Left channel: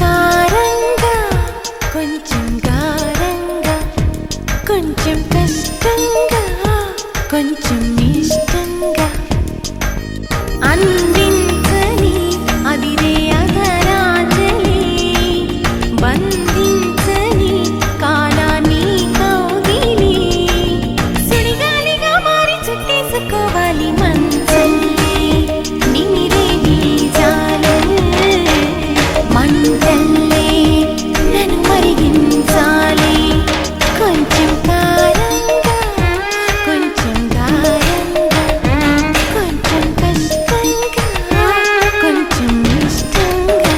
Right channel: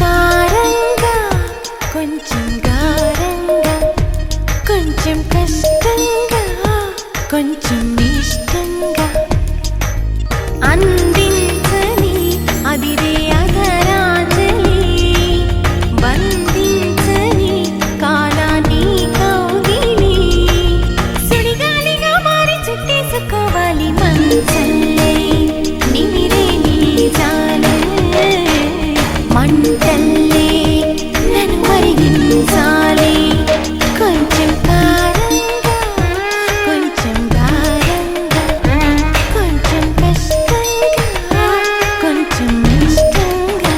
కారంగా కొంచెం గారంగా కొంచెం కష్టంగా కొంచెం ఇష్టంగా అందించని అదిరే అధరాంజలి బంధించని కాలాన్ని కౌగిలి సుడిగాలిగా మారి చుట్టేసుకోవాలి మంచల్లే నిమిరే నీ జాలే మంటల్లే నన్ను మరిగించాలి కొంచెం కారంగా కొంచెం గారంగా కొంచెం కష్టంగా కొంచెం ఇష్టంగా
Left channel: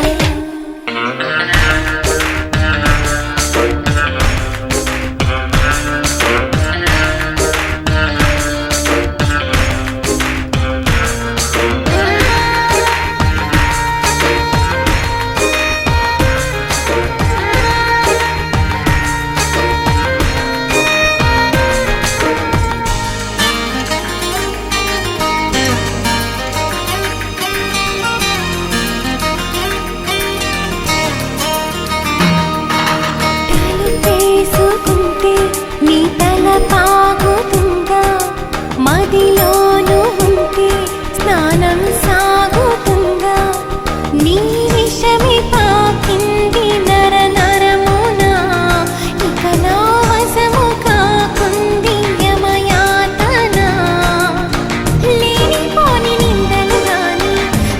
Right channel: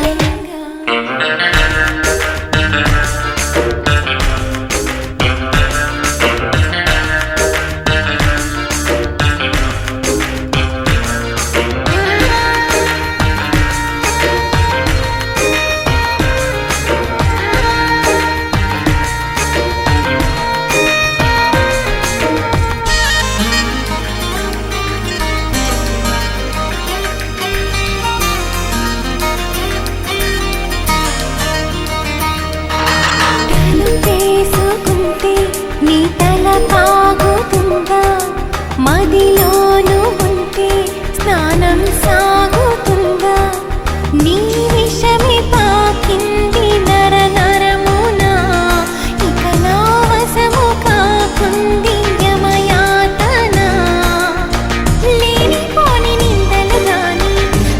తలుపేసుకుంటే నీ తల పాగుతుందా మదిలోను ఉంటే స్నానం సాగుతుందా నీ విషమే పాకింది నర నరమునా ఇక నా వశము కాకుంది యమయాతన లేనిపోని నిందలు గాని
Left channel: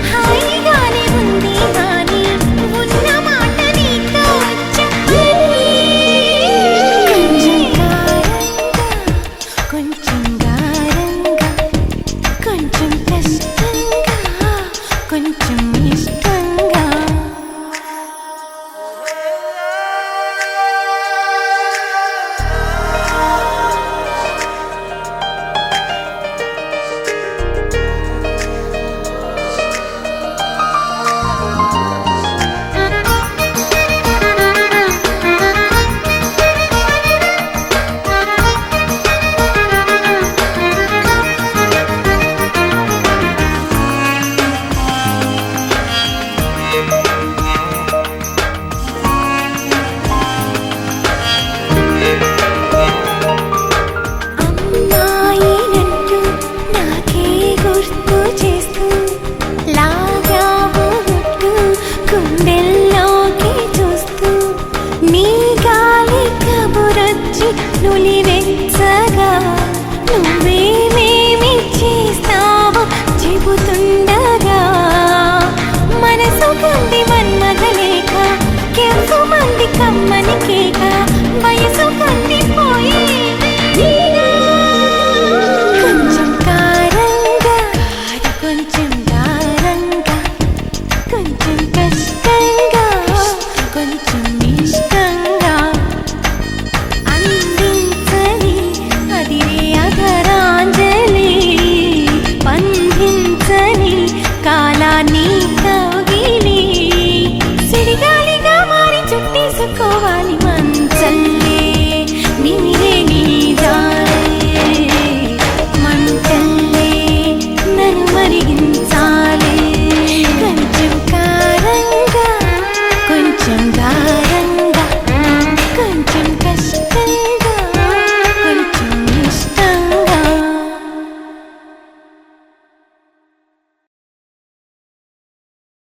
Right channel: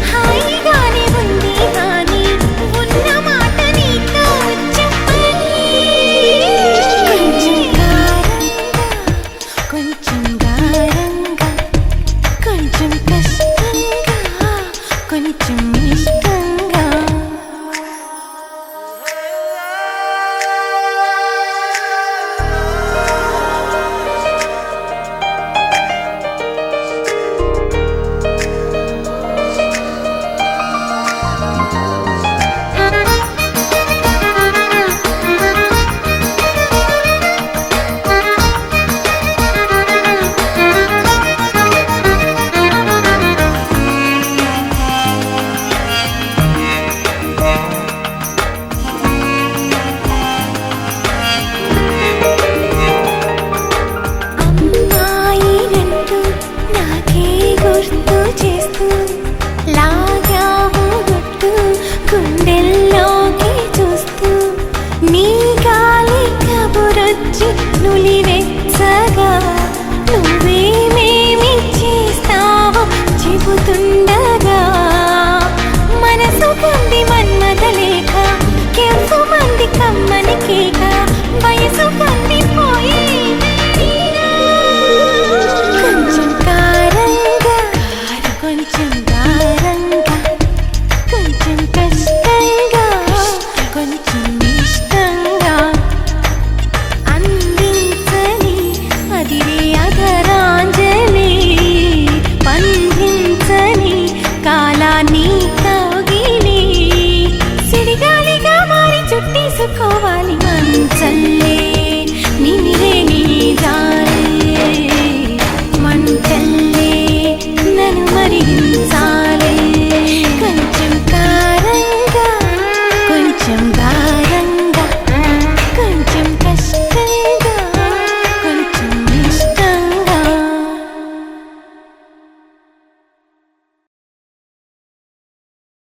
హాయిగానే ఉంది హాని ఉన్న మాట నీతో చెప్పని కొంచెం కారంగా కొంచెం గారంగా కొంచెం కష్టంగా కొంచెం ఇష్టంగా అమ్మాయినంటూ నాకే గుర్తు చేస్తూ లాగావు గుట్టు గుండెల్లోకి చూస్తూ నీ గాలి కబురొచ్చి నులివెచ్చగా నువ్వేమేమి చేస్తావో చెబుతుండగా మనసు కంది మన్మదలేక కెవ్వు మంది కమ్మని కేక వయసు కందిపోయి కొంచెం కారంగా కొంచెం గారంగా కొంచెం కష్టంగా కొంచెం ఇష్టంగా అందించని అదిరే అధరాంజలి బంధించని కాలాన్ని కౌగిలి సుడిగాలిగా మారి చుట్టేసుకోవాలి మంచల్లే